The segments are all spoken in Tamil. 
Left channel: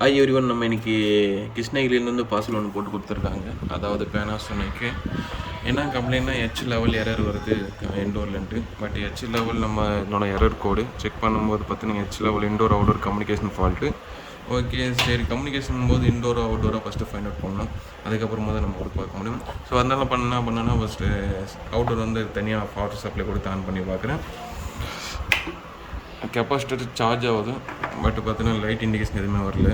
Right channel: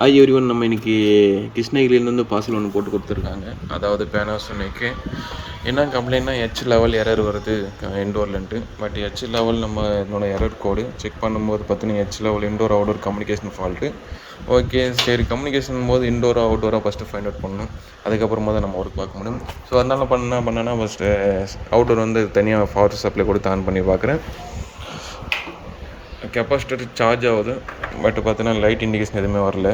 ஹாய் எவ்ரிவன், நம்ம இன்றைக்கி கிருஷ்ணகிரியிலேருந்து பார்சல் ஒன்று போட்டு கொடுத்துருக்காங்க. அதாவது பேனாசோனிக்கு என்ன கம்ப்ளைண்ட்னா ஹெச் லெவல் எரர் வருது இன்டோர்லன்ட்டு. பட் ஹெச் லெவல் நம்ம என்னோட எரர் கோடு செக் பண்ணும்போது பார்த்தீங்கன்னா H level indoor outdoor communication fault. Okay, சரி, கம்யூனிகேஷன் போது இன்டோராக அவுட்டோராக ஃபஸ்ட்டு ஃபைண்ட் அவுட் பண்ணணும். அதுக்கப்புறமா தான் நம்ம ஒர்க் பார்க்க முடியும். ஸோ அதனால் பண்ணேன்னா ஃபஸ்ட்டு அவுட்டோர் வந்து தனியாக பவர் சப்ளை கொடுத்து ஆன் பண்ணி பார்க்குறேன். கெப்பாசிட்டர் சார்ஜ் ஆகுது, பட் பார்த்தீங்கன்னா லைட் இண்டிகேஷன் எதுவுமே வரல.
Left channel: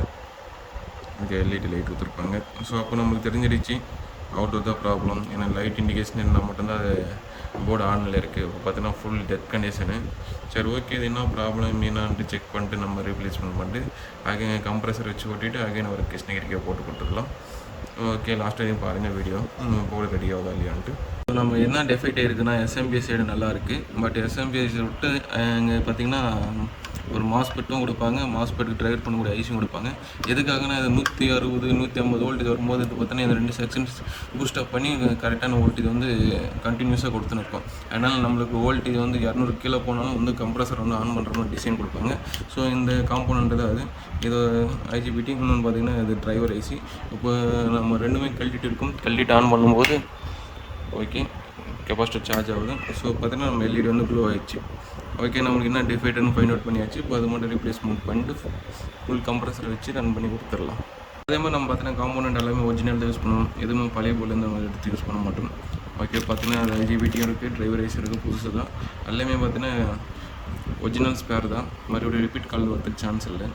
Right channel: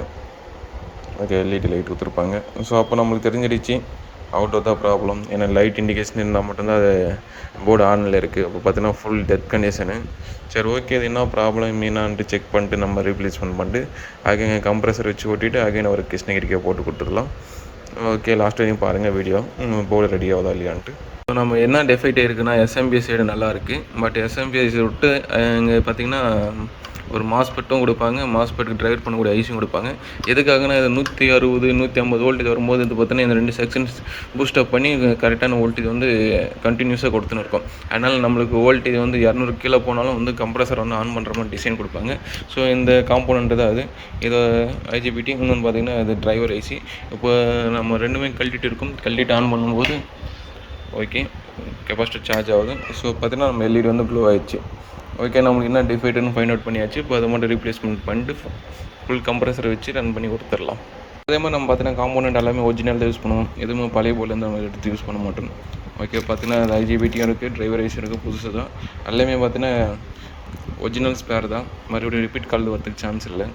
ஓகே, எல்இடி லைட் கொடுத்துருப்பாங்க. ஸோ அப்போ நம்மளுக்கு தெரிஞ்சிடுச்சு அவுட்டோர் தான் ப்ராப்ளம். ஏன்னா லைட் இண்டிகேஷன் இருந்தால் மட்டும்தான் அது போர்டு ஆனில் இருக்குது. அப்போ பார்த்தீங்கன்னா ஃபுல் டெத் கண்டிஷனு. சரி, ஓகே, இது என்ன ப்ராப்ளம் மீனான்ட்டு செக் பண்ணிட்டு நம்ம ரீப்ளேஸ்மெண்ட் பண்ணிட்டு அகைன் கம்ப்ரஸர் வச்சு ஓட்டிட்டு அகைன் ஒரு கிருஷ்ணகிரிக்கே போட்டு கொடுத்துக்கலாம். ஓகே, லாஸ்ட் வரையும் பாருங்கள் வீடியோ, போர்டு ரெடி ஆகுதா இல்லையான்ட்டு. நம்ம என்ன டெஃபெக்ட் இருக்குன்னா எஸ்எம்பி சைடு நல்லா இருக்குது. பட் எஸ்எம்பி சைடு விட்டு இங்கே பார்த்திங்கன்னா ஒரு மாஸ்பெட்டும் கொடுப்பாங்க, மாஸ்பெட்டுக்கு டிரைவர் பண்ணக்கூடிய ஐசியும் கொடுப்பாங்க. எதுக்காகனா இது 160 150 வோல்டேஜ் வரும்போது இது பார்த்தீங்கன்னா இந்த 2 செக்ஷன்ஸ் பூஸ்டப் பண்ணி கரெக்டான வோல்டேஜ் வந்து கண்டினியூஸாக கொடுத்துன்னு இருக்கும். அதனால் நம்மளுக்கு வோல்டேஜ் வந்து 200 கீழே போனாலும் வந்து கம்ப்ரஸர் வந்து ஆன் பண்ணுற மாதிரி டிசைன் கொடுப்பாங்க. ஸோ இந்த காம்போனன்ட்டு தான் அது. இதை ஐஜிபிடி இன்னொன்று பார்த்திங்கன்னா இது டிரைவர் ஐசி. இப்போ நம்ம ரெண்டுமே கழட்டிட்டு இருக்கும். கழட்டிட்டு ஆன் பண்ணும்போது ஓகே கெப்பாசிட்டர் சார்ஜ் ஆகுது. ஸோ பார்த்தீங்கன்னா நம்ம எல்இடி வந்து க்ளோ ஆகிடுச்சு. ஓகே, நம்மளுக்கு என்ன டிஃபெக்ட்னு ஃபைண்ட் அவுட் பண்ணியாச்சு. இப்போ அதை மட்டும் ரீப்ளேஸ்மெண்ட் பண்ணிட்டு ஃபுல் கம்ப்ரஸரை வச்சு ரன் பண்ணி கொடுத்துடலாம். அதே மாதிரி நம்ம பார்த்தீங்கன்னா காம்போனன்ட் எல்லாமே ஒரிஜினல் தான் யூஸ் பண்ணுவோம். எதுவுமே பழைய போலேருந்து நம்ம எடுத்து யூஸ் பண்ண மாட்டோம். ஓகே, பார்த்தீங்கன்னா அது ஐஜிபிடியும் இருக்குது, டிரைவர் ஐசி இருக்குது, புதுசு தான். எல்லாமே பார்த்தீங்கன்னா ஒரிஜினல் ஸ்பேர் தான். மறுபடியும் ரிப்பீட் கால் வரதுக்கு சான்ஸ் இல்லை.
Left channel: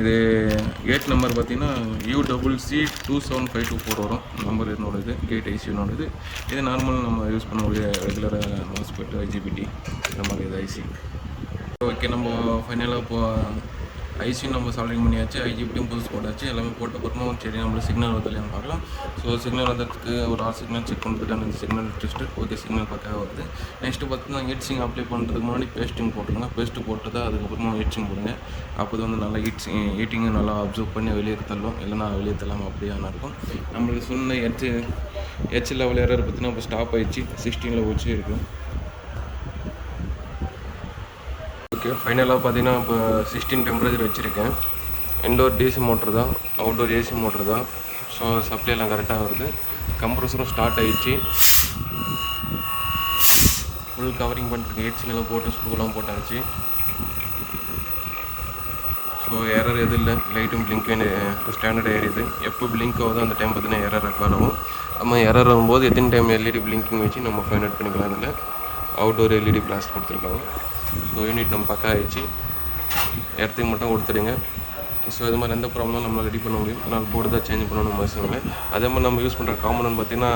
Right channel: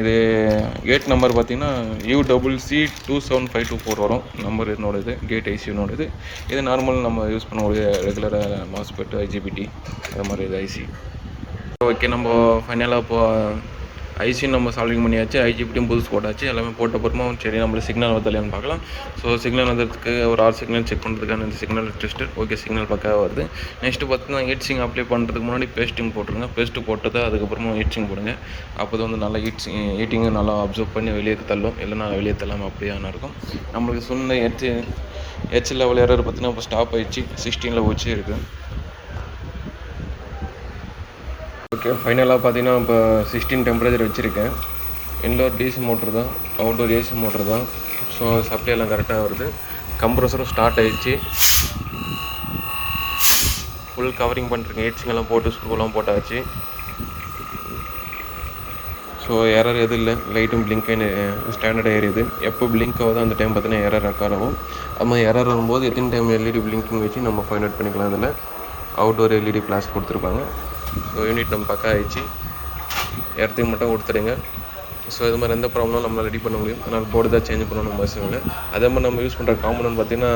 இது கேட் நம்பர் பார்த்திங்கன்னா UCC 27524 வரும் நம்பர். என்னோடது கேட் ஐசியோடது. இது நார்மல் நம்ம யூஸ் பண்ணக்கூடிய ரெகுலராக மாஸ்பெட் ஐஜிபிடி அது மாதிரி இது ஐசி. ஓகே, நம்ம ஃபைனலாக இப்போது ஐசியும் நம்ம சால்விங் பண்ணியாச்சு, ஐஜிபிடியும் புதுசு போட்டாச்சு. எல்லாமே போட்ட அப்புறமா சரி நம்மளுக்கு சிக்னல் வரலையான்னு பார்க்கலாம். ஸோ சிக்னல் வந்ததுக்கு ஒரு 6 சிக்னல் செக் பண்ணுறதுக்கான இந்த சிக்னல் டெஸ்டர். ஓகே, சிக்னல் பக்காவாக வருது. நெக்ஸ்ட்டு பார்த்தீங்கன்னா ஹீட்சிங் அப்ளை பண்ணுறதுக்கு முன்னாடி பேஸ்ட்டிங் போட்டுருங்க. பேஸ்ட்டு போட்டு தான் அதுக்கப்புறமா ஹீட்சிங் போடுங்க. அப்போ தான் வந்து நல்லா ஹீட்டிங்கு நல்லா அப்சர்வ் பண்ணி வெளியே தள்ளும். இல்லைனா வெளியே தள்ளாமல் அப்படியே இருக்கும். நம்மளுக்கு சொன்ன ஹெச் லெவல் எரர் பார்த்தீங்கன்னா இப்போ ஸ்டாப் ஆகிடுச்சு, 16 வச்சு இருக்குது. ஓகே, ஃபைனலாக பார்த்தீங்கன்னா இப்போ 16 டெம்பரேச்சர் வச்சுருக்கேன். இன்டோர் டிசி மோட்ரு தான், அவுட்டோர் ஏசி மோட்ரு தான். ஸோ சப்ளை எல்லாம் கரெக்டாக வருது. கம்ப்ரஸரும் ஸ்டார்ட் ஆகிடுச்சு. ஃபுல் கவரிங் பண்ணிருக்கேன். ஹீட்ஸிங்கெல்லாம் போட்டு ஸ்க்ரூலாம் போட்டாச்சு. ஸோ எரர் எதுவும் இல்லை. லைட்டும் பிளிங்க் ஸ்டாண்டர்டாக ஏறியுது. எப்போ பிளிங்க் ஆகுதோ அந்த டைம் பார்த்தீங்கன்னா எரர் ரெக்கார்ட் ஆகும். நம்ம எரர் வரும்போது எத்தனை டைம் எல்இடி பிளிங்கிங் வச்சு நம்ம ஃபைண்ட் அவுட் பண்ணிக்கலாம். அதில் அவுட்டோர் எல்இடி பிளாஸ்ட் கொடுத்துருப்பாங்க. ஸோ யூனிட் நம்ம பக்கா ஆகிடுச்சு. இடத்துக்கு மட்டும் கொடுத்துடுங்க. ஸோ இது மாதிரி எந்த ப்ராப்ளமும் நம்மளால் ரெடி பண்ண முடியும். அதனால் போர்டு தான் சேஞ்ச் பண்ணணும் அவசியம் இல்லை. அதே மாதிரி நம்ம யூஸ் பண்ணுற காம்போனன்ட் பார்த்திங்கன்னா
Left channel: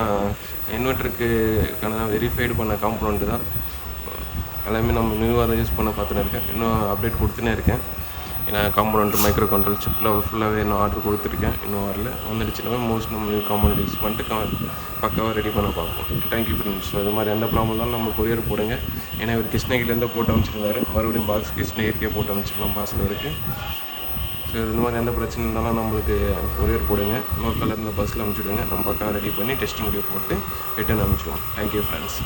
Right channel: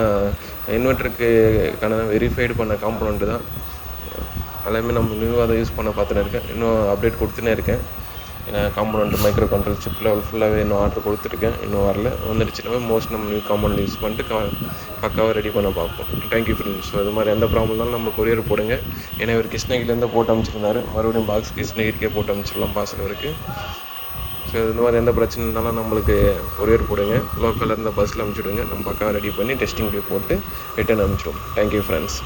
இன்வெர்ட்டருக்கான வெரிஃபைடு பண்ண காம்போனன்ட்டு தான். எல்லாமே நம்ம நியூவாக தான் யூஸ் பண்ண பார்த்துன்னு இருக்கேன். இன்னும் அப்டேட் கொடுத்துனே இருக்கேன். ஏன்னா component micro control chip level ஃபுல்லாகவே இன்னும் ஆர்டர் கொடுத்துருக்கேன். இன்னும் வரல. வந்துடுச்சுன்னா மோஸ்ட் நம்ம நியூ காம்போனன்ட் யூஸ் பண்ணிட்டு பக்காவாக ரெடி பண்ண பார்ப்போம். Thank you friends. ஸோ இது மாதிரி எந்த ப்ராப்ளம் இருந்தாலும் நம்ம கொரியர் போடுங்க. ஏன்னா இவர் கிருஷ்ணகிரிலேருந்து போட்டு அமைச்சிருந்தாரு. மறுபடியும் பாக்ஸ் கிருஷ்ணகிரிக்கே போட்டு அமைச்சிடலாம் பார்சல் இருக்குது. ஸோ இந்த மாதிரி எந்த பிரச்சனை இருந்தாலும் நம்மளுக்கு கொரியர் போடுங்க. லோக்கலில் இருந்த பஸ்ஸில் அனுப்பிச்சுடுங்க. நம்ம பக்காவாக ரெடி பண்ணி டெஸ்டிங் வீடியோ போட்டு ரிட்டன் அனுப்பிச்சிடுவோம். Thank you friends.